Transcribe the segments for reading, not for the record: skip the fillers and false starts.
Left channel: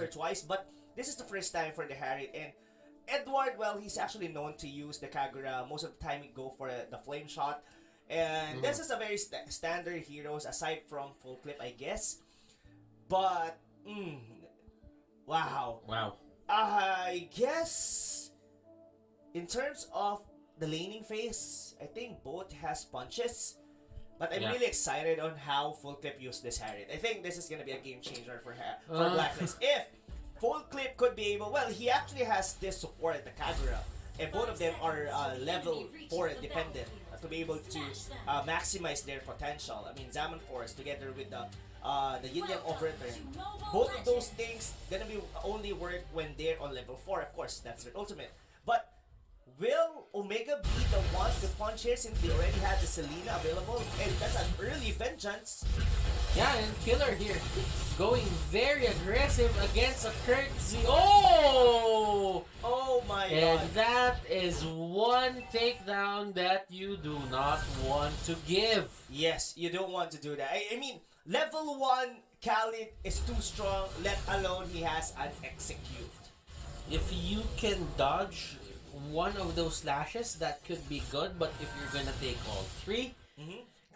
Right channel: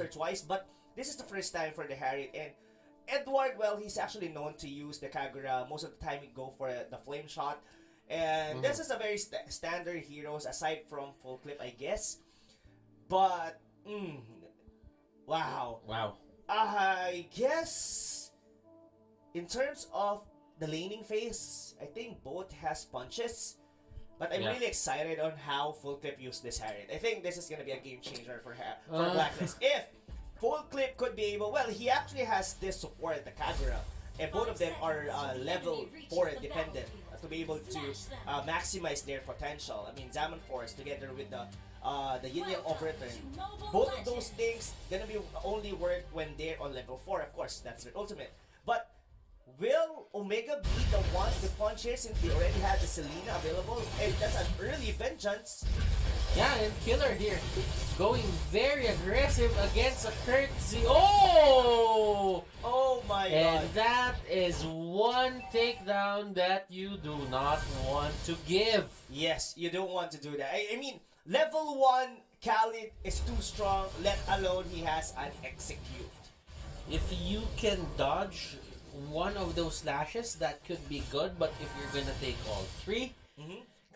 or twice, but this is the first time for the Harriet. And Edward, well, he's actually known to use the Kagura. Most of the time, he go for the flame shot. And this is a very standard heroes aside from full clip, I guess. But, wow. Wow. I guess in terms of the laning phase, I think both has punches. But I'm really excited on how Full Clip used this Harriet. I think this is gonna be a game changer for Blacklist. If Full Clip could be able, well, he actually has this support, the Kagura, and both of them are level 4 dependent to be able to maximize their potential. I mean, Zaman Force together with the Yin Yang Overturn. Both of those things gonna be only work when they're on level 4. Of course, that's their ultimate. But will Omega be the one to punch here since they already had the Selena available? And that's an early vengeance. Yeah, and Killer here going very aggressive against a courtesy. Oh! Oh my god. And that is one takedown that you do not want to give. Yes, you don't want to do that. I mean, level 1 Khalid is too strong, let alone he has an execute. If you can dodge one of those slashes, that could be good, but if you're gonna take all three,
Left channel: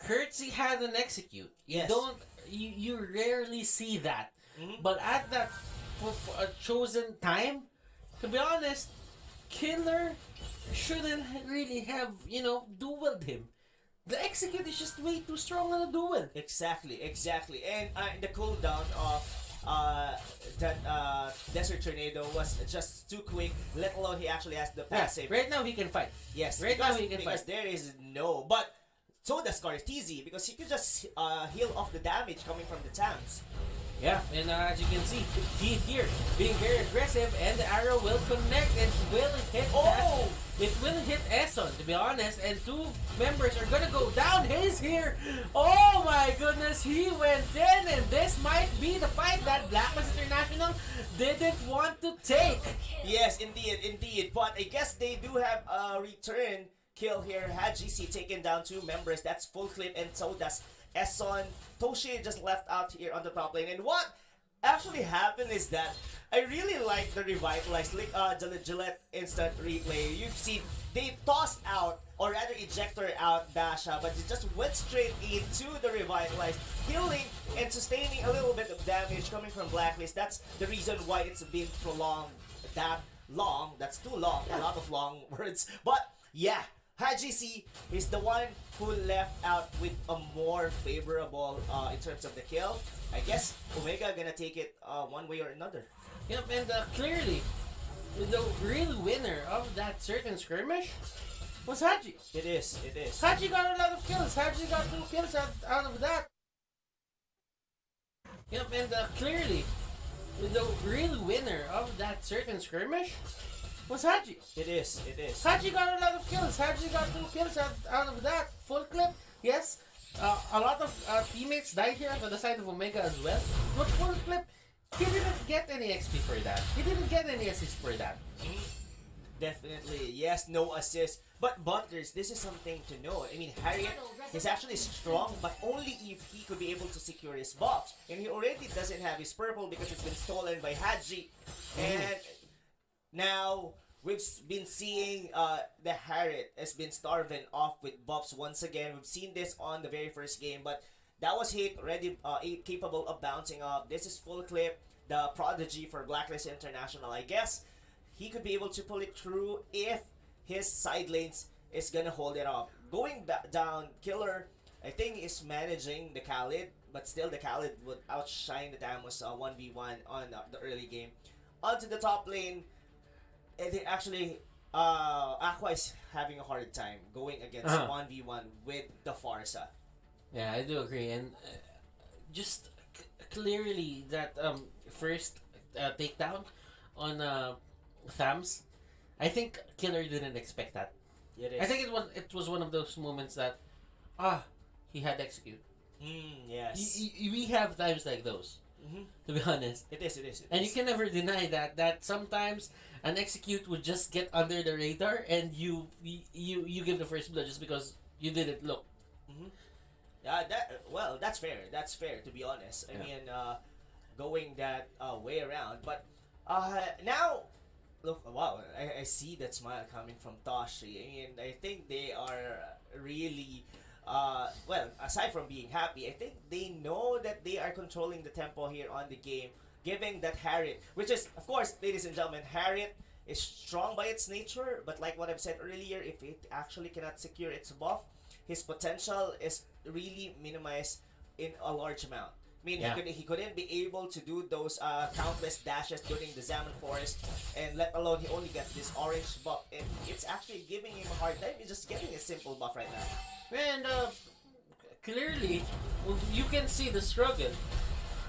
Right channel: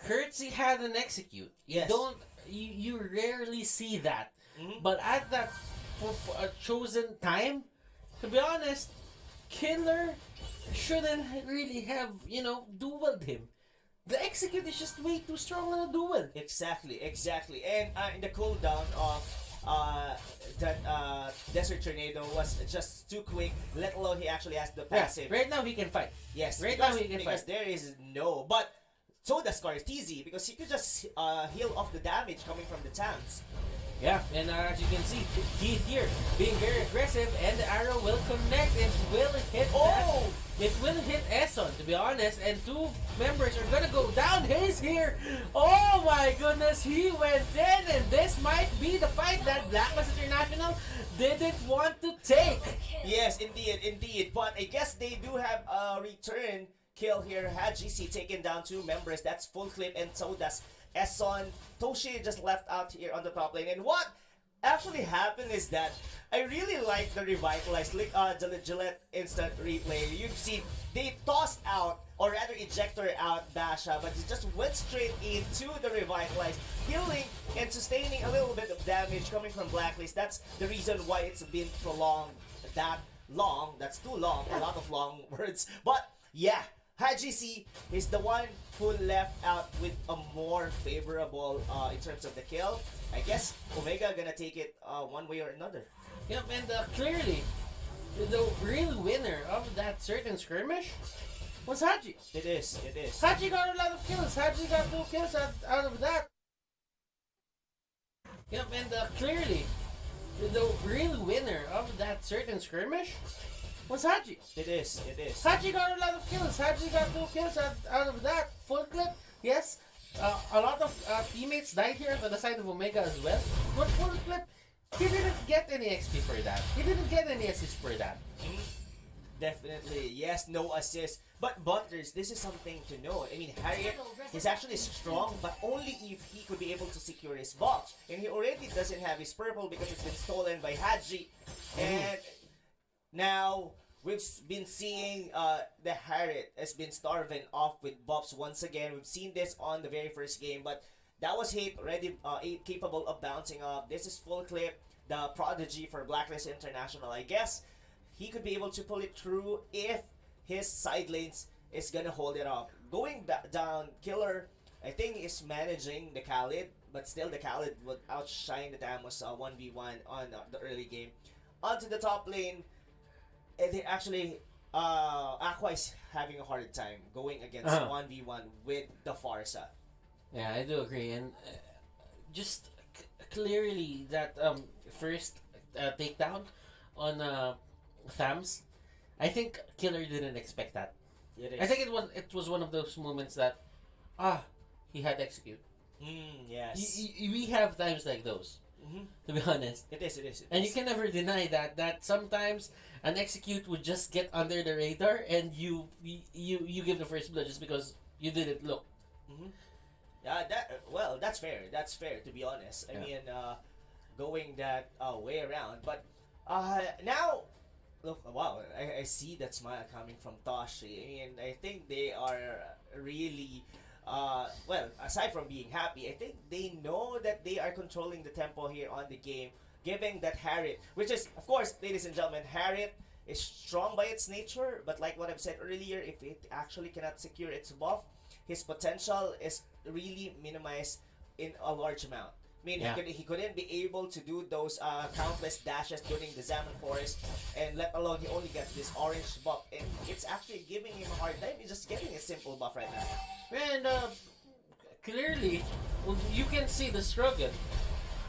Curtsy had an execute. Yes. You rarely see that. But at that chosen time, to be honest, Killer shouldn't really have, dueled him. The execute is just way too strong on a duel. Exactly. And in the cooldown of that Desert Tornado was just too quick, let alone he actually has the passive. Right now he can fight. Yes, now he can because fight. there is no, but so does Scartizi because he could just heal off the damage coming from the tanks. Yeah, and as you can see, Keith here being very aggressive, and the arrow will connect and will hit. Oh! It will hit Eson, to be honest, and two members are gonna go down. Hayes here. Oh my goodness, he went in, and this might be the fight that Blacklist International didn't want to take. Yes, indeed. But I guess they do have a return kill here. Had GC taken down two members. That's Full Clip, and so does Eson. Toshi just left out here on the top lane. And what actually happened is that I really like the revitalized Gillette instant replay. You've seen they tossed out, or rather ejector out Basha, but it just went straight into the revitalized, healing and sustaining a little bit of damage coming from Blacklist. That's the reason why it's been prolonged that long. That's too long, a lot of long words. But yeah, HGC is the one who left out with a more favorable in terms of the kill. I guess Omega gonna take it one way or another. Yep, and clearly, the real winner of that certain skirmish was Haji. It is. Haji got a lot of kills. Haji got 2 kills out of that. Yep, and clearly, the real winner of that certain skirmish was Haji. It is. Haji got a lot of kills. Haji got 2 kills out of that. Full clip, yes. A lot of teammates died here on the side of Omega as well. But Full clip, he didn't get any XP for that. He didn't get any assist for that. Definitely, yes, no assist. But Butters, this is something to know. I mean, Harriet is actually strong, but only if he could be able to secure his box. And he already doesn't have his purple because it's been stolen by Haji. And now, we've been seeing the Harriet has been starving off with buffs once again. We've seen this on the very first game, but that was Hate already capable of bouncing up. This is Full Clip, the prodigy for Blacklist International. I guess he could be able to pull it through if his side lanes is gonna hold it up. Going back down, Killer, I think, is managing the Khalid, but still the Khalid would outshine the Tamos 1v1 on the early game. Onto the top lane, they actually, Aqua is having a hard time going against 1v1 with the Farsa. Yeah, I do agree, and just clearly that first takedown on Thams, I think Killer didn't expect that. I think it was one of those moments that he had execute. Yes. We have times like those. To be honest, it is. And you can never deny that sometimes an execute would just get under the radar, and you give the first blood just because you didn't look. That's fair. To be honest, I mean, going that way around. But now, look, wow, I see that smile coming from Toshi. I mean, I think they are really, well, aside from being happy, I think they know that they are controlling the tempo here on the game, giving that Harriet, which is, of course, ladies and gentlemen, Harriet is strong by its nature, but like what I've said earlier, if it actually cannot secure its buff, his potential is really minimized in a large amount. I mean, Yeah. he couldn't be able to do those countless dashes during the Zaman Forest, and let alone he only gets this orange buff, and it's actually giving him a hard time. He's just getting a simple buff right now. And clearly, you can see the struggle.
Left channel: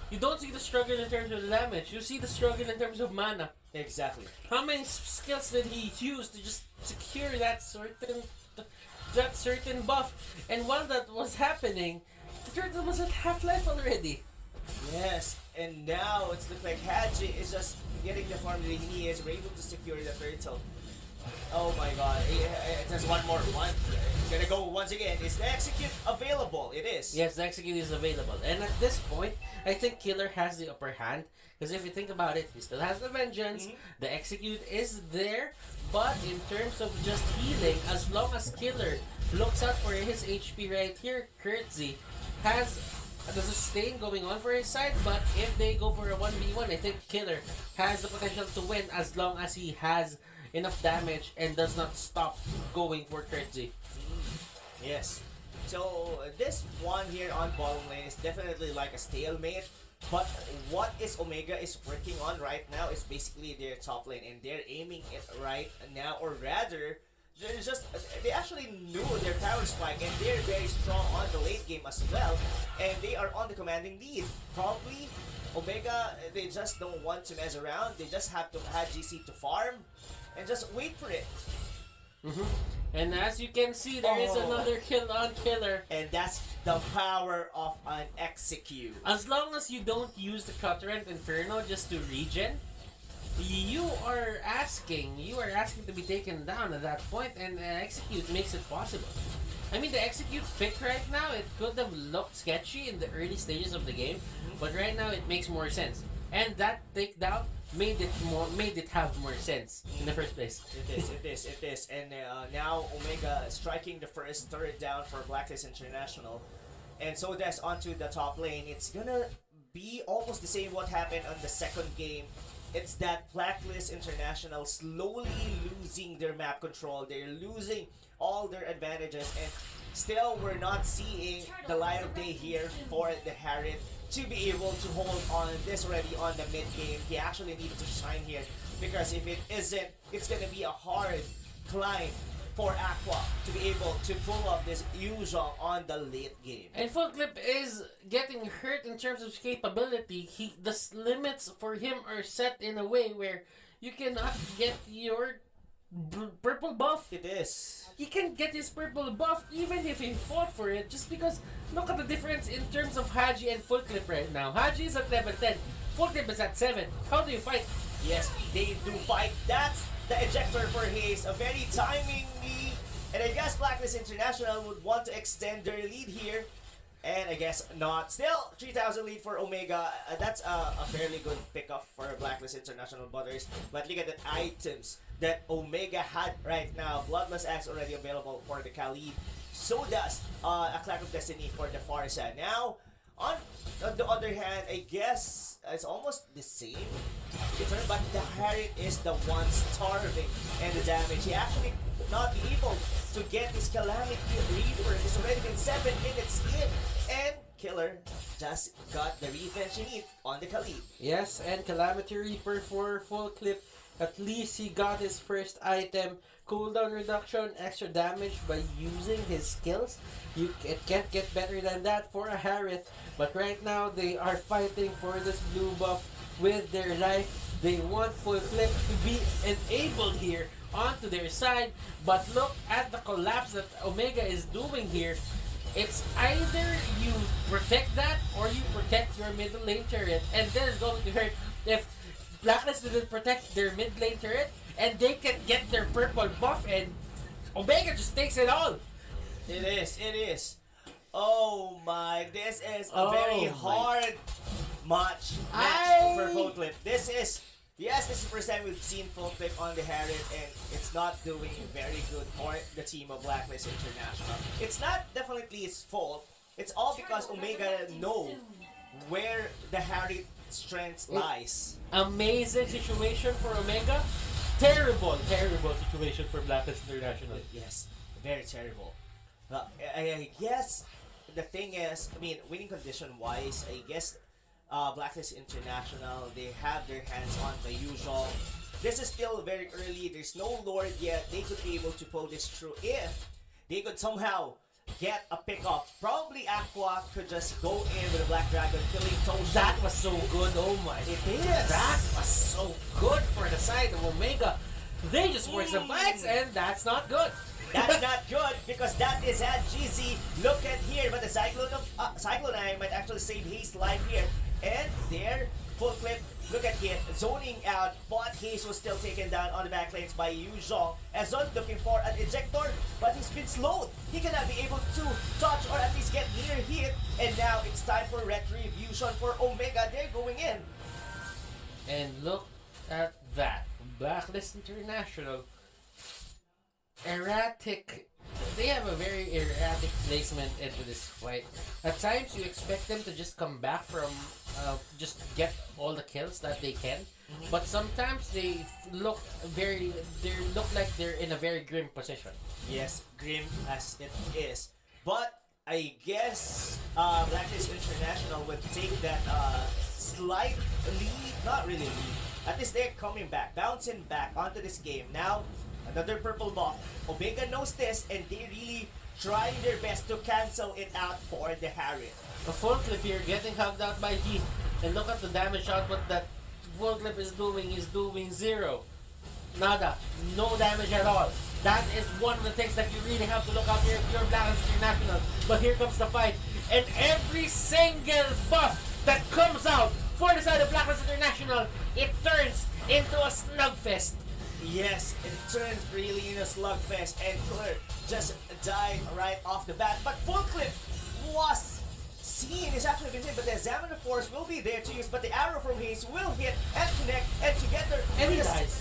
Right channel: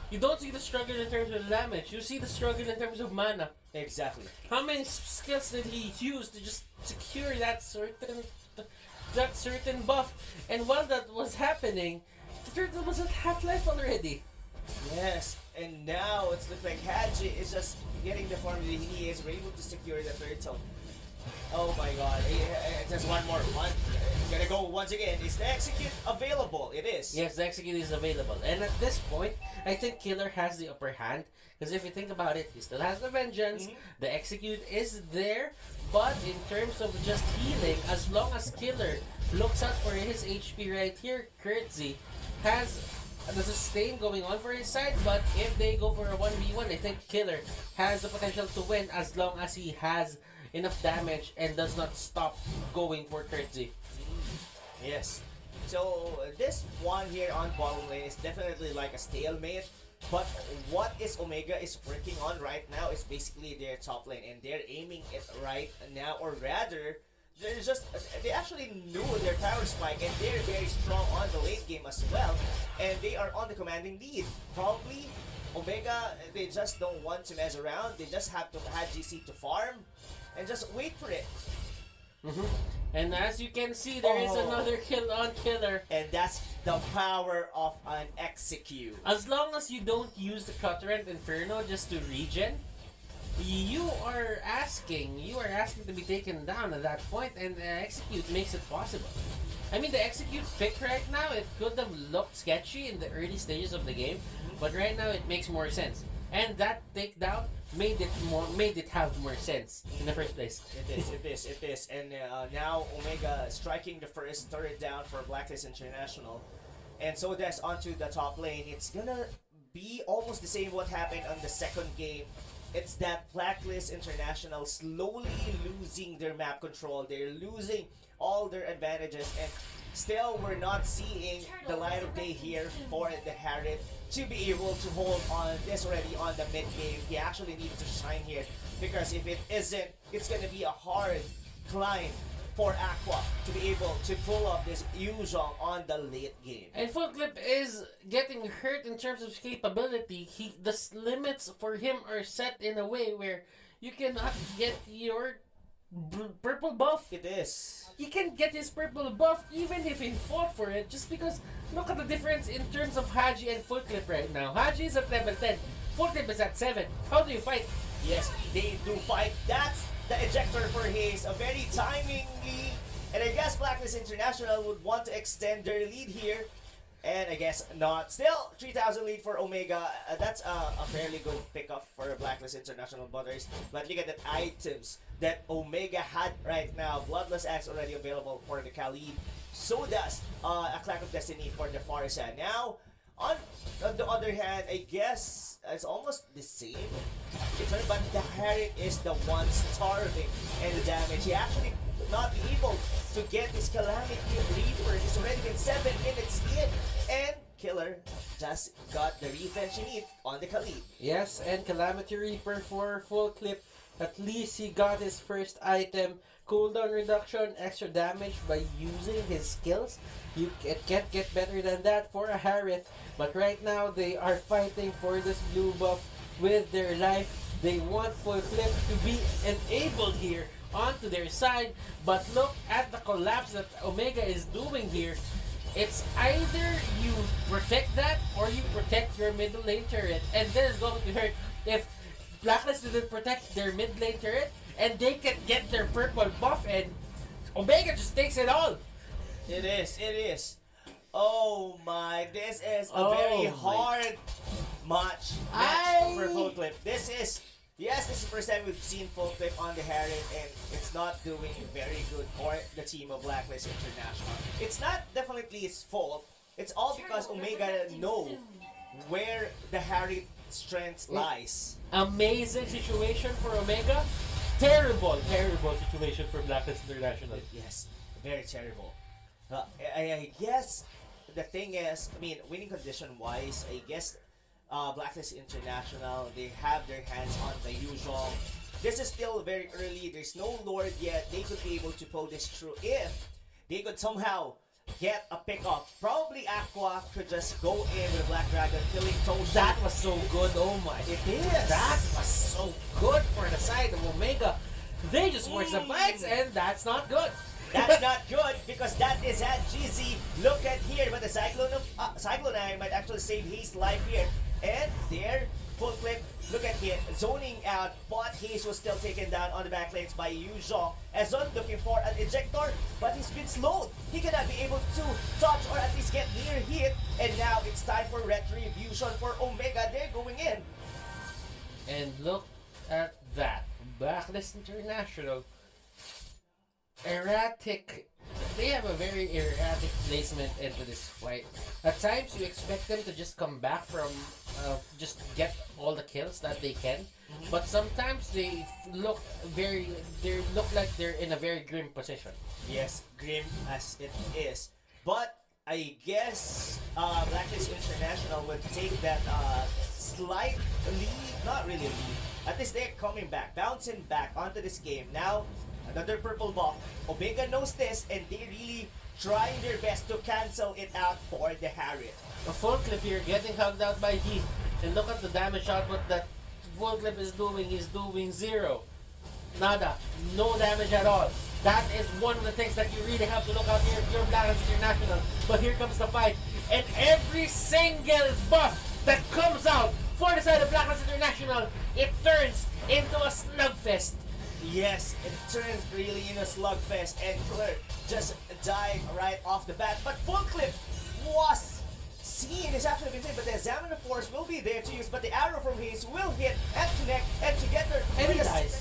You don't see the struggle in terms of damage. You see the struggle in terms of mana. Exactly. How many skills did he use to just secure that certain buff? And while that was happening, the turtle was at half life already. Yes, and now it's looks like Haji is just getting the form that he needs. We're able to secure the turtle. Oh my god, there's one more. Gonna go once again. Is the execute available? It is. Yes, the execute is available. And at this point, I think Killer has the upper hand. Because if you think about it, he still has the vengeance. The execute is there. But in terms of just healing, as long as Killer looks out for his HP right here, Kurtzy has the sustain going on for his side. But if they go for a 1v1, I think Killer has the potential to win as long as he has enough damage and does not stop going for Kurtzy. Yes. So this one here on bottom lane is definitely like a stalemate. But what is Omega is working on right now is basically their top lane, and they're aiming it right now, or rather, they actually knew their power spike, and they're very strong on the late game as well, and they are on the commanding lead. Probably Omega, they just don't want to mess around. They just have to add GC to farm and just wait for it. And as you can see, there is another kill on Killer. And that's the power of an execute. As long as you don't use the Clutterant Inferno just to regen, you are asking to be taken down at that point, and execute makes it possible. I mean, the execute pick right now, it could have looked sketchy in the early stages of the game, but right now it makes more sense. And that takedown made it have more sense in the first place. It is. And now Omega striking the first turret down for Blacklist International. And so that's onto the top lane. It's gonna be almost the same what happened on the second game. It's that Blacklist International slowly losing their map control. They're losing all their advantages, and still we're not seeing the light of day here for the Harriet to be able to hold on this already on the mid game. He actually needs to shine here, because if it isn't, it's gonna be a hard climb for Aqua to be able to pull off this usual on the late game. And Full Clip is getting hurt in terms of capability. The limits for him are set in a way where you cannot get your purple buff. It is. He can get his purple buff even if he fought for it, just because look at the difference in terms of Haji and Full Clip right now. Haji is at level 10, Full Clip is at 7. How do you fight? Yes, they do fight. That's the ejector for Haze, a very timingly, and I guess Blacklist International would want to extend their lead here, and I guess not. Still, 3,000 lead for Omega. That's a fairly good pickup for Blacklist International Butters. But look at the items that Omega had right now. Bloodless Axe already available for the Khalid. So does a Clack of Destiny for the Farsa. Now, on the other hand, I guess it's almost the same, but the Harriet is the one starving and the damage. He actually could not be able to get his Calamity Reaper. It's already been 7 minutes in, and Killer just got the revenge he needs on the Khalid. Yes, and Calamity Reaper for Full Clip. At least he got his first item. Cooldown reduction, extra damage by using his skills. It can't get better than that for a Harith. But right now, they are fighting for this blue buff with their life. They want Full Clip to be enabled here onto their side. But look at the collapse that Omega is doing here. It's either you protect that or you protect your middle lane turret. And this is going to hurt if Blacklist didn't protect their mid lane turret, and they can get their purple buff, and Omega just takes it all. It is. Oh my, this is a very hard match for Full Clip. This is the first time we've seen Full Clip on the Harriet, and it's not doing very good for the team of Blacklist International. It's not definitely his fault. It's all because Omega know where the Harriet strength lies. Amazing situation for Omega. Terrible situation for Blacklist International. Yes, very terrible. I guess the thing is, I mean, winning condition wise, I guess Blacklist International, they have their hands on the usual. This is still very early. There's no Lord yet. They could be able to pull this through if they could somehow get a pick off. Probably Aqua could just go in with a Black Dragon, killing Toshi. That was so good. Oh my. It is. That was so good for the side of Omega. They just forced the fights, and that's not good. That's not good because that is at GZ. Look at here, but the Cyclone Eye might actually save his life here. And there, Full Clip. Look at it, zoning out, but Hayes was still taken down on the back lanes by Yu Zhong. Ezon looking for an ejector, but he's been slowed. He cannot be able to touch or at least get near hit. And now it's time for retribution for Omega. They're going in. And look at that. Blacklist International. Erratic. They have a very erratic placement into this fight. At times, you expect them to just come back from, just get all the kills that they can. But sometimes they look like they're in a very grim position. Yes, grim as it is. But I guess Blacklist International would take that slight lead, not really lead. At least they're coming back, bouncing back onto this game. Now, another purple buff. Omega knows this, and they really trying their best to cancel it out for the Harriet. A Full Clip here getting hugged out by Heat. And look at the damage output that Full Clip is doing. He's doing 0. Nada. No damage at all. That is one of the things that you really have to look out here if you're Blacklist International. But here comes the fight. And every single buff that comes out for the side of Blacklist International, it turns into a slugfest. Yes, it turned really in a slugfest, and Killer just died right off the bat. But Full Clip was seen, is actually been seen, but the Examiner Force will be there to use, but the arrow from Hayes will hit and connect, and together, and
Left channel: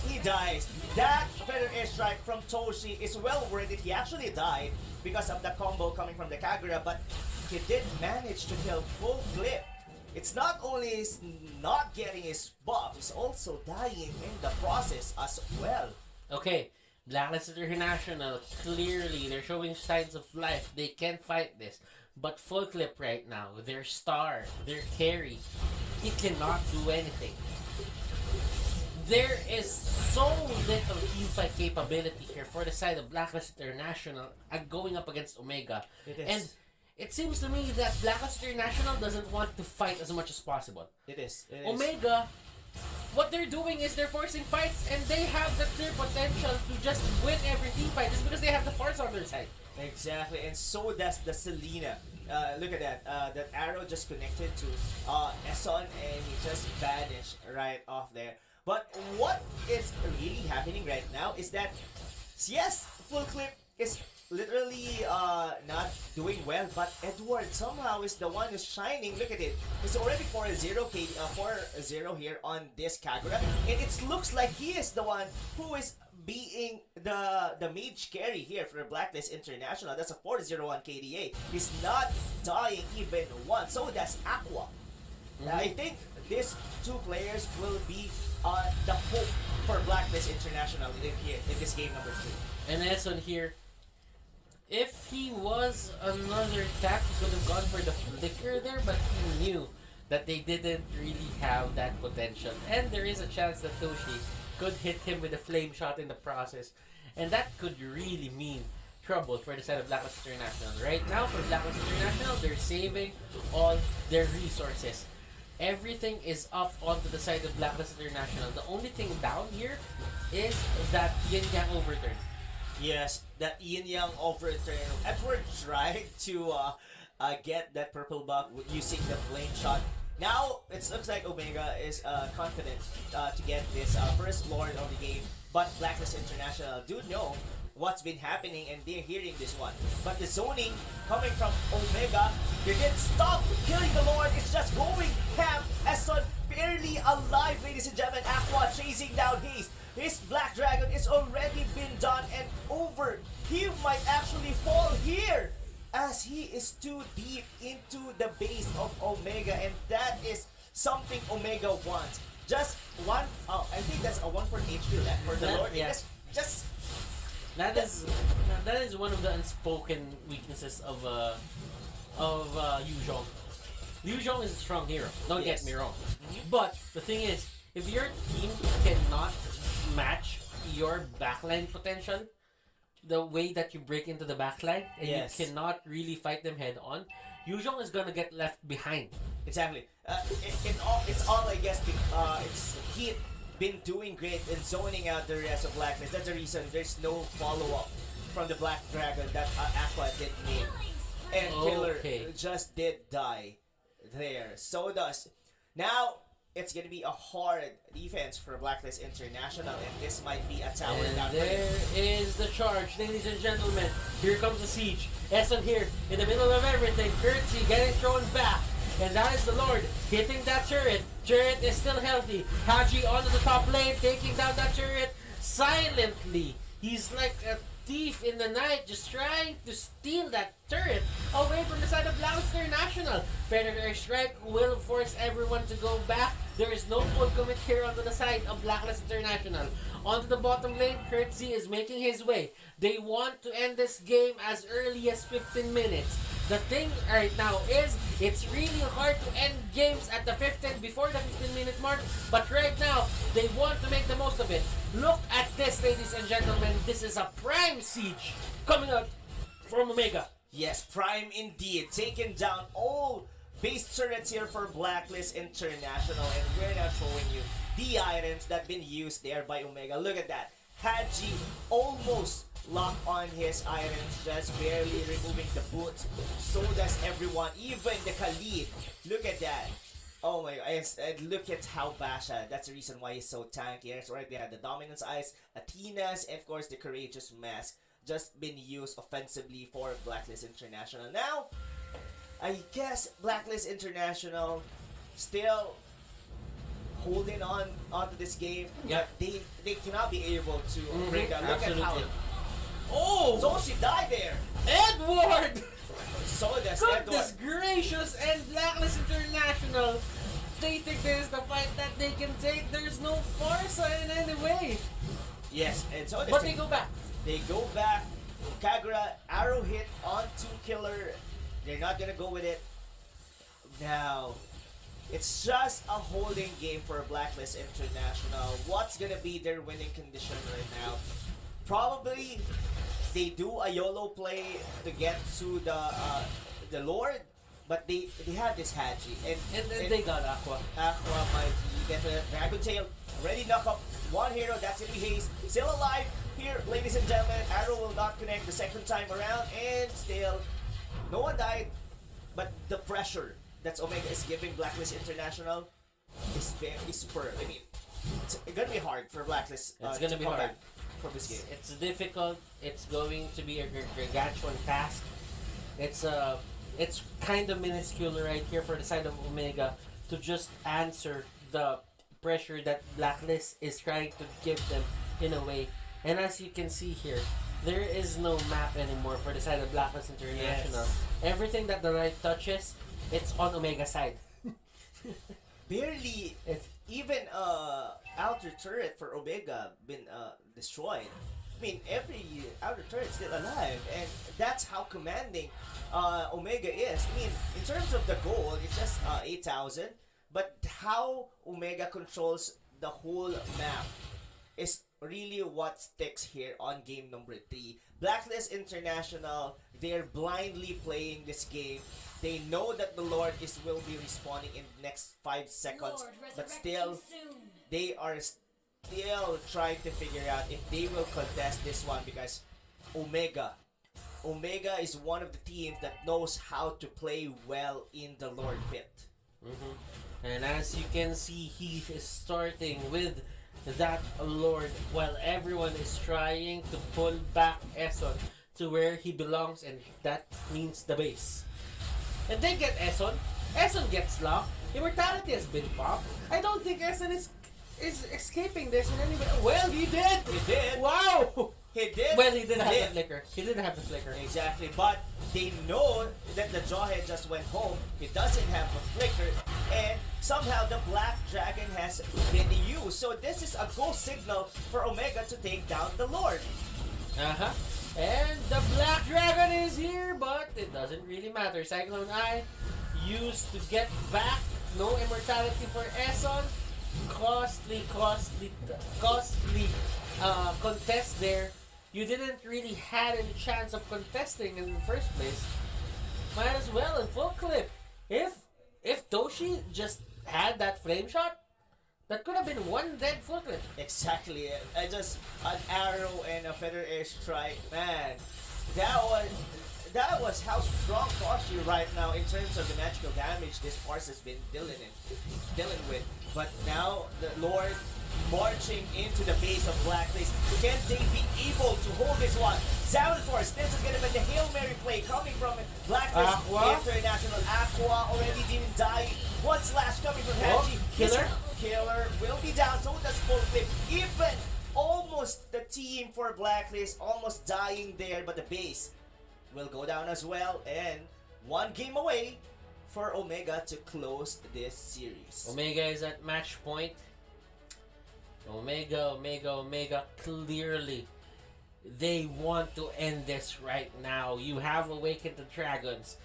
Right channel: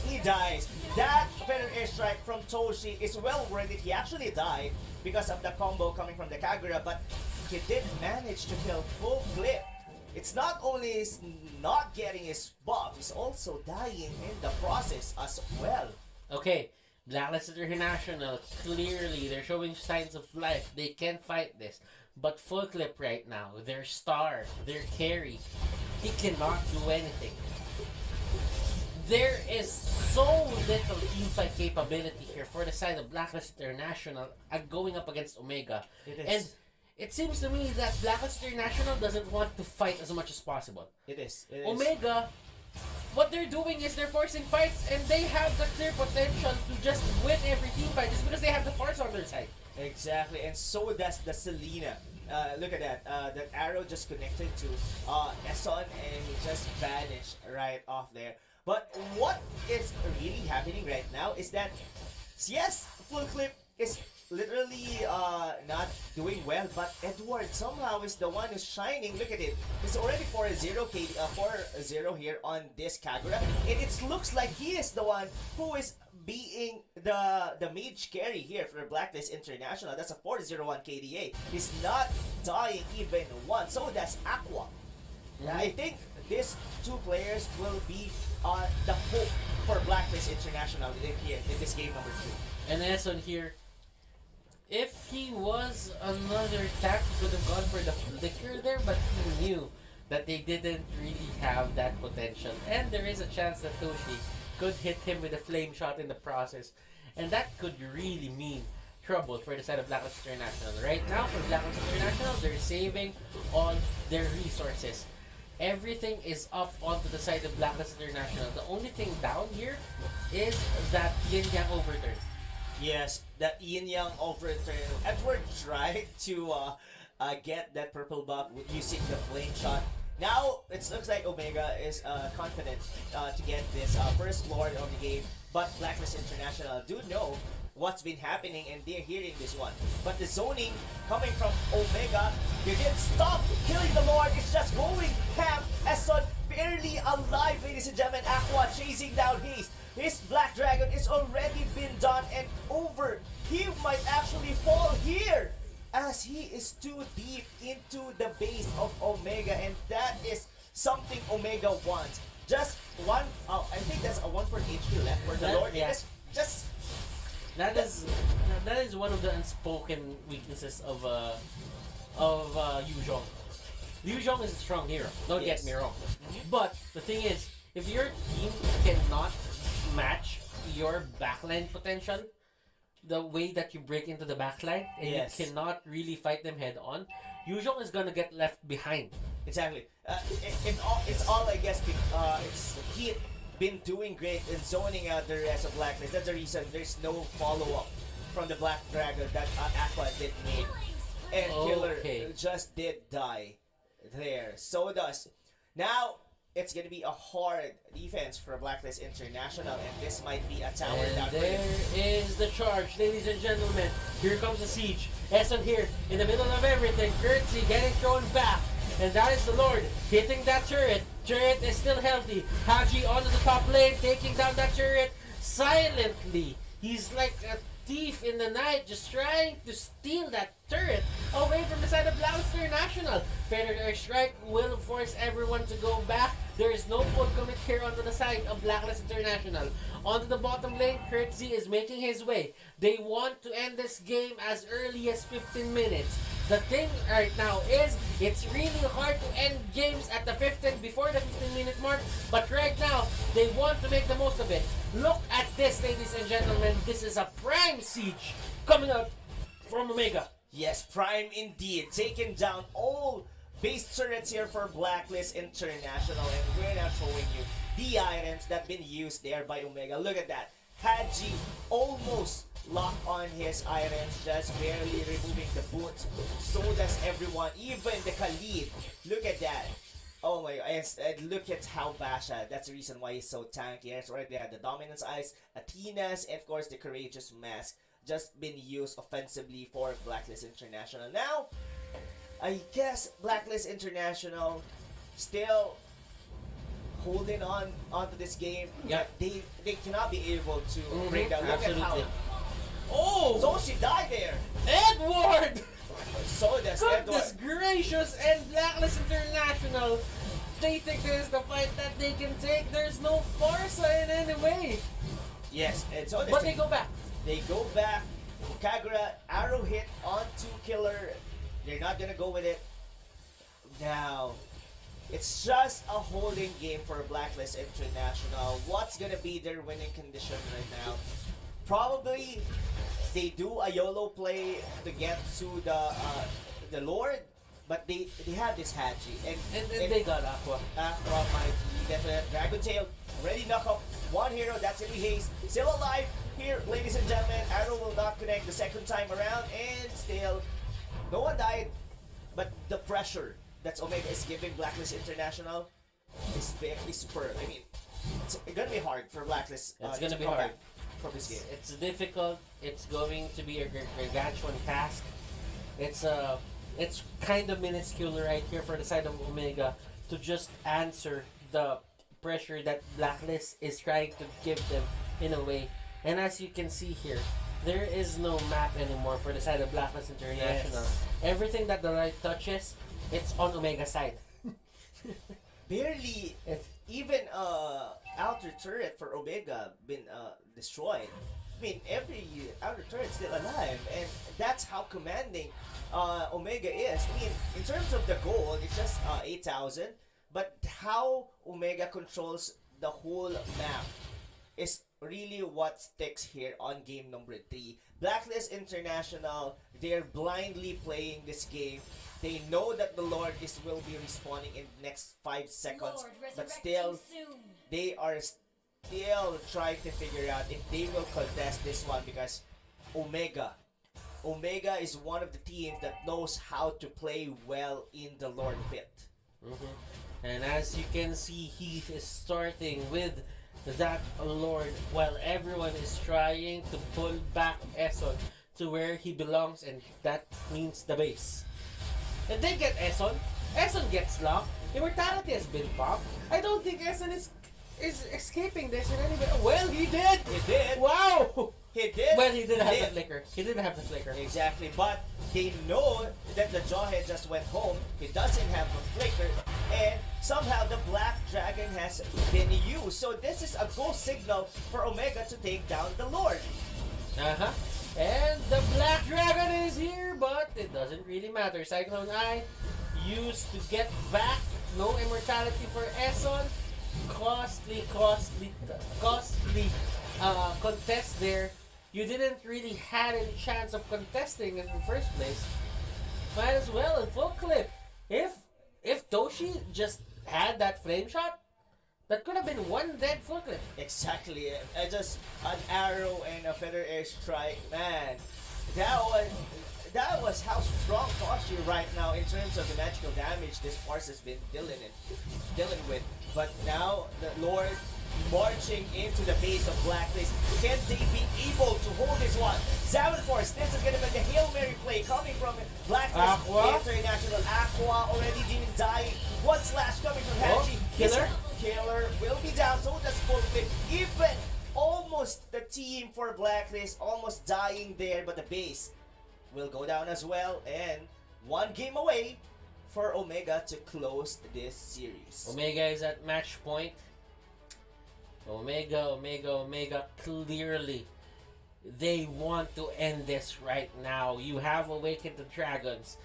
he dies. That Feather Airstrike from Toshi is well worth it. He actually died because of the combo coming from the Kagura, but he did manage to kill Full Clip. It's not only is not getting his buff, he's also dying in the process as well. Okay, Blacklist International, clearly they're showing signs of life. They can fight this. But Full Clip right now, their star, their carry, he cannot do anything. There is so little teamfight capability here for the side of Blacklist International going up against Omega. It is. And it seems to me that Blacklist International doesn't want to fight as much as possible. It is. Omega, what they're doing is they're forcing fights, and they have the clear potential to just win every team fight just because they have the force on their side. Exactly, and so does the Selena. Look at that. That arrow just connected to Eson, and he just vanished right off there. But what is really happening right now is that, yes, Full Clip is literally not doing well, but Edward somehow is the one who's shining. Look at it. It's already 4-0 4-0 here on this Kagura, and it looks like he is the one who is being the mage carry here for Blacklist International. That's a 401 KDA. He's not dying even once. So that's Aqua. I think these two players will be the hope for Blacklist International in this game number 3. And Eson here, if he was another tap, he could have gone for the flicker there, but he knew that they didn't really have that potential. And there is a chance that Toshi could hit him with a flame shot in the process. And that could really mean trouble for the side of Blacklist International. Right now, for Blacklist International, they're saving all their resources. Everything is up onto the side of Blacklist International. The only thing down here is that Yin Yang overturn. Yes, that Yin Yang overturn. Edward tried to get that purple buff using the flame shot. Now, it looks like Omega is confident to get this first Lord of the game. But Blacklist International do know what's been happening, and they're hearing this one. But the zoning coming from Omega, they didn't stop killing the Lord. It's just going ham Eson barely alive, ladies and gentlemen. Aqua chasing down Haze. His Black Dragon is already been done and over. He might actually fall here as he is too deep into the base of Omega, and that is something Omega wants. Just one, I think that's a 1 for HP left for the Lord. Yeah. Just That is one of the unspoken weaknesses of Yu Zhong. Yu Zhong is a strong hero. Don't get me wrong. But the thing is, if your team cannot match your backline potential, the way that you break into the backline and you cannot really fight them head on, Yu Zhong is gonna get left behind. exactly. It's all I guess. It's he been doing great in zoning out the rest of Blacklist. That's the reason there's no follow-up from the Black Dragon that Aqua did make. And Killer just did die there. So does. Now, it's going to be a hard defense for Blacklist International, and this might be a tower down. There is the charge, ladies and gentlemen. Here comes the siege. Eson here, in the middle of everything. Curtsy getting thrown back. And that is the Lord hitting that turret. Turret is still healthy. Haji onto the top lane, taking down that turret silently. He's like a thief in the night, just trying to steal that turret away from the side of Blacklist International. Predator Airstrike will force everyone to go back. There is no full commit here onto the side of Blacklist International. Onto the bottom lane, Curtsy is making his way. They want to end this game as early as 15 minutes. The thing right now is, it's really hard to end games at the 15 before the 15-minute mark, but right now, they want to make the most of it. Look at this, ladies and gentlemen. This is a prime siege coming out from Omega. Yes, prime indeed. Taking down all base turrets here for Blacklist International, and we're now showing you the items that been used there by Omega. Look at that. Haji almost locked on his items, just barely removing the boots. So does everyone, even the Khalid. Look at that. Oh my god, and look at how Basha, that's the reason why he's so tanky. That's right, they had the Dominance Eyes, Athena's, and of course the Courageous Mask, just been used offensively for Blacklist International. Now, I guess Blacklist International still holding on onto this game. Yeah, they cannot be able to bring down. Look absolutely. at how. Oh! So she died there. Edward! So does Goodness Edward. gracious! And Blacklist International, they think this is the fight that they can take. There's no Forza in any way. Yes, and so does But they go back. They go back. Kagura arrow hit onto Killer. They're not gonna go with it. Now, it's just a holding game for Blacklist International. What's gonna be their winning condition right now? Probably they do a YOLO play to get to the Lord, but they have this Haji And they got Aqua. Aqua might get the Dragon Tail. Already knock up one hero, that's gonna be Haze. Still alive here, ladies and gentlemen. Arrow will not connect the second time around, and still no one died. But the pressure that Omega is giving Blacklist International is superb. I mean, it's gonna be hard for Blacklist. It's gonna to be come hard back from this game. It's difficult. It's going to be a gargantuan task. It's kind of minuscule right here for the side of Omega to just answer the pressure that Blacklist is trying to give them in a way. And as you can see here, there is no map anymore for the side of Blacklist International. Yes. Everything that the right touches, it's on Omega side. Barely even outer turret for Omega been destroyed. I mean, every outer turret still alive, and that's how commanding Omega is. I mean, in terms of the gold, it's just 8,000, but how Omega controls the whole map is really what sticks here on game number 3. Blacklist International, they're blindly playing this game. They know that the Lord will be respawning in the next 5 seconds, but still, they are still trying to figure out if they will contest this one, because Omega is one of the teams that knows how to play well in the Lord pit. And as you can see, he is starting with that Lord while everyone is trying to pull back Eson to where he belongs, and that means the base. And they get Eson, Essen gets locked. Immortality has been popped. I don't think Essen is escaping this in any way. Well, he did! He did. Wow! He did. Well, he didn't have the live. flicker. He didn't have the flicker. Exactly, but they know that the Jawhead just went home. He doesn't have a flicker, and somehow the Black Dragon has been used. So this is a go signal for Omega to take down the Lord. Uh-huh. And the Black Dragon is here, but it doesn't really matter. Cyclone Eye used to get back. No immortality for Eson. Costly contest there. You didn't really had any chance of contesting in the first place. Might as well in full clip. If Toshi just had that flame shot, that could have been one dead full clip. Exactly. I just an arrow and a feather air strike, man. That was how strong Toshi right now in terms of the magical damage this force has been dealing with. But now the Lord marching into the base of Blacklist. Can they be able to hold this one? Salmon Force, this is gonna be the Hail Mary play coming from Blacklist Aqua. International. Aqua already even dying. One slash coming from Hachi. Killer. Killer will be down, so that's full clip. Even almost the team for Blacklist almost dying there, but the base will go down as well, and one game away for Omega to close this series. Omega is at match point. Omega, clearly they want to end this right now. You have awakened the dragons.